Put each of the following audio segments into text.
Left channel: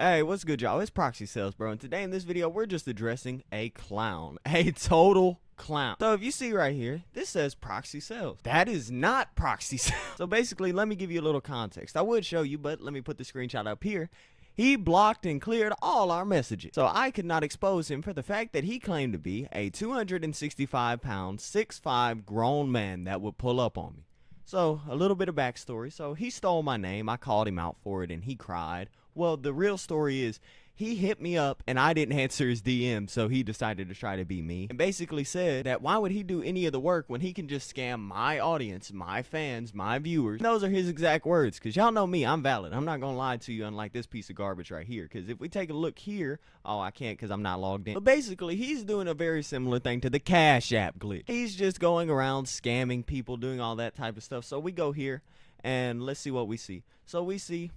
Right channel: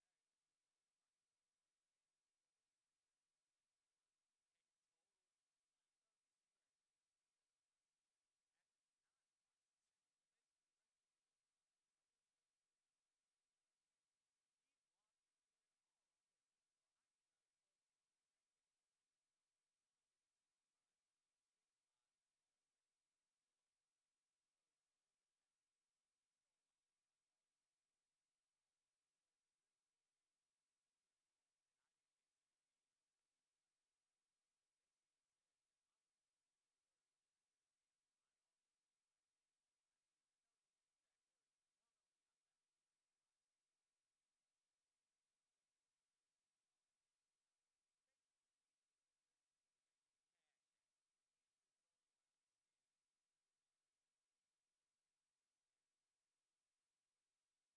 Hey, what's good, y'all? It's ProxyysellZ, bro, and today in this video, we're just addressing a clown. A total clown. So if you see right here, this says ProxyysellZ. That is not ProxyysellZ. So basically, let me give you a little context. I would show you, but let me put the screenshot up here. He blocked and cleared all our messages. So I could not expose him for the fact that he claimed to be a 265-pound, 6'5" grown man that would pull up on me. So a little bit of backstory. So he stole my name. I called him out for it and he cried. Well, the real story is he hit me up and I didn't answer his DM, so he decided to try to be me and basically said that why would he do any of the work when he can just scam my audience, my fans, my viewers. And those are his exact words, because y'all know me, I'm valid. I'm not gonna lie to you, unlike this piece of garbage right here, because if we take a look here, oh, I can't because I'm not logged in, but basically he's doing a very similar thing to the Cash App glitch. He's just going around scamming people, doing all that type of stuff. So we go here and let's see what we see. So we see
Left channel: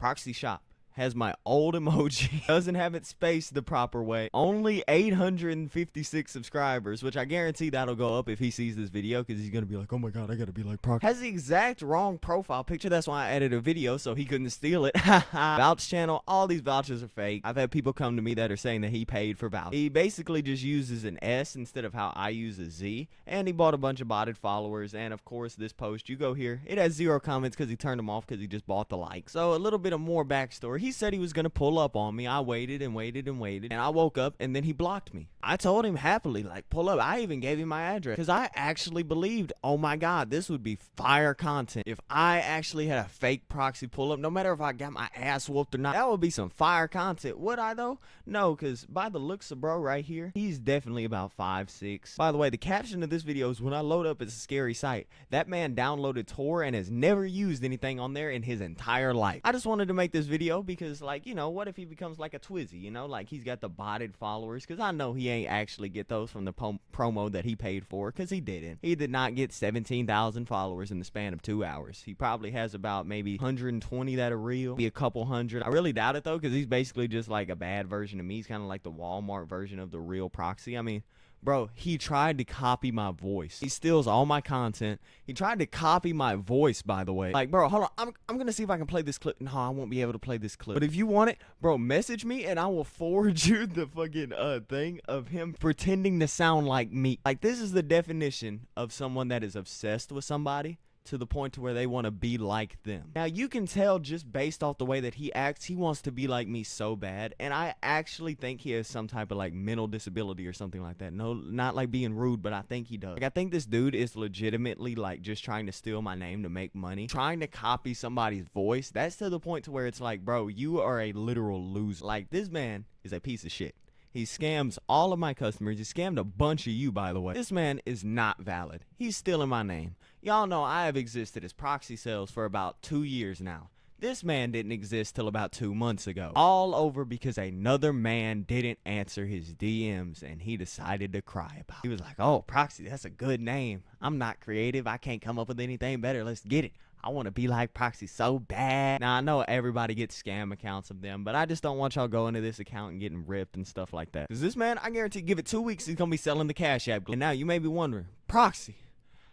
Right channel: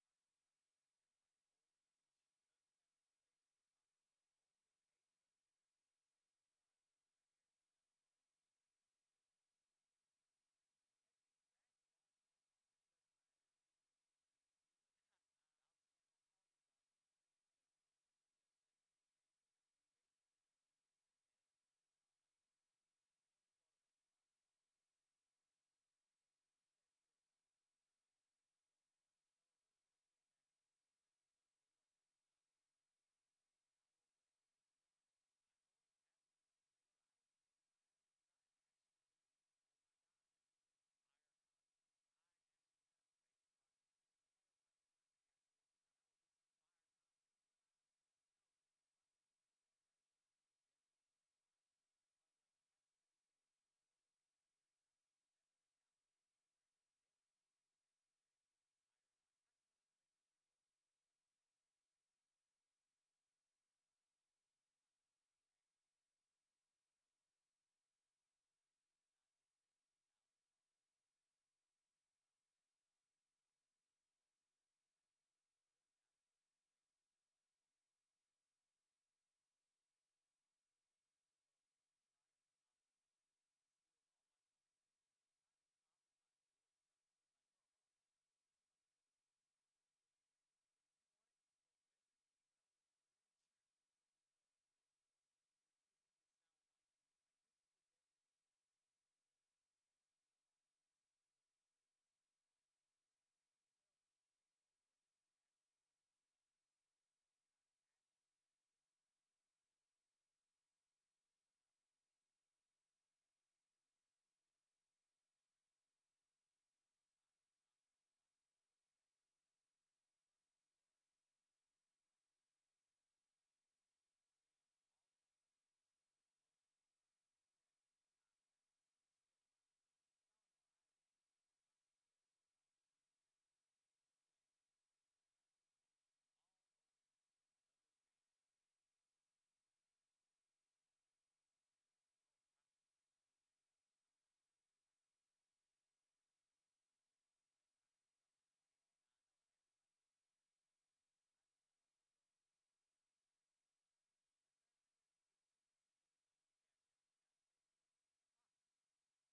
Proxy Shop has my old emoji, doesn't have it spaced the proper way, only 856 subscribers, which I guarantee that'll go up if he sees this video, because he's gonna be like, oh my god, I gotta be like Proxy. Has the exact wrong profile picture, that's why I added a video so he couldn't steal it. Vouch channel, all these vouchers are fake. I've had people come to me that are saying that he paid for vouchers. He basically just uses an S instead of how I use a Z, and he bought a bunch of botted followers. And of course this post, you go here, it has 0 comments because he turned them off because he just bought the like. So a little bit of more backstory. He said he was gonna pull up on me. I waited and waited and waited, and I woke up and then he blocked me. I told him happily, like, pull up. I even gave him my address because I actually believed, oh my god, this would be fire content if I actually had a fake proxy pull up. No matter if I got my ass whooped or not, that would be some fire content. Would I though? No, because by the looks of bro right here, he's definitely about 5'6". By the way, the caption of this video is, when I load up, it's a scary sight. That man downloaded Tor and has never used anything on there in his entire life. I just wanted to make this video because, like, you know, what if he becomes like a Twizzy, you know, like he's got the botted followers, because I know he ain't actually get those from the promo that he paid for, because he didn't. He did not get 17,000 followers in the span of 2 hours. He probably has about maybe 120 that are real, maybe a couple hundred. I really doubt it though, because he's basically just like a bad version of me. He's kind of like the Walmart version of the real Proxy. I mean, bro, he tried to copy my voice. He steals all my content. He tried to copy my voice, by the way. Like, bro, hold on. I'm gonna see if I can play this clip. No, I won't be able to play this clip. But if you want it, bro, message me and I will forward you the fucking thing of him pretending to sound like me. Like, this is the definition of someone that is obsessed with somebody to the point to where they want to be like them. Now, you can tell just based off the way that he acts, he wants to be like me so bad, and I actually think he has some type of like mental disability or something like that. No, not like being rude, but I think he does. Like, I think this dude is legitimately like just trying to steal my name to make money, trying to copy somebody's voice. That's to the point to where it's like, bro, you are a literal loser. Like, this man is a piece of shit. He scams all of my customers. He scammed a bunch of you, by the way. This man is not valid. He's stealing my name. Y'all know I have existed as ProxySellZ for about 2 years now. This man didn't exist till about 2 months ago. All over because another man didn't answer his DMs and he decided to cry about it. He was like, oh, Proxy, that's a good name. I'm not creative. I can't come up with anything better. Let's get it. I want to be like Proxy so bad. Now, I know everybody gets scam accounts of them, but I just don't want y'all going to this account and getting ripped and stuff like that. Because this man, I guarantee, give it 2 weeks, he's going to be selling the Cash App. And now you may be wondering, Proxy,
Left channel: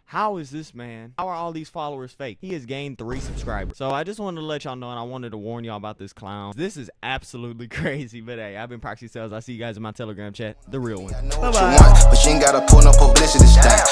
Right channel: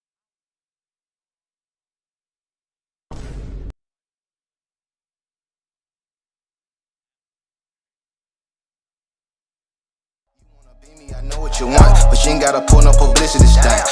how is this man? How are all these followers fake? He has gained 3 subscribers. So I just wanted to let y'all know, and I wanted to warn y'all about this clown. This is absolutely crazy, but hey, I've been ProxySellZ. I'll see you guys in my Telegram chat. The real one. I know what you want, but you ain't gotta pull no publicity stunt.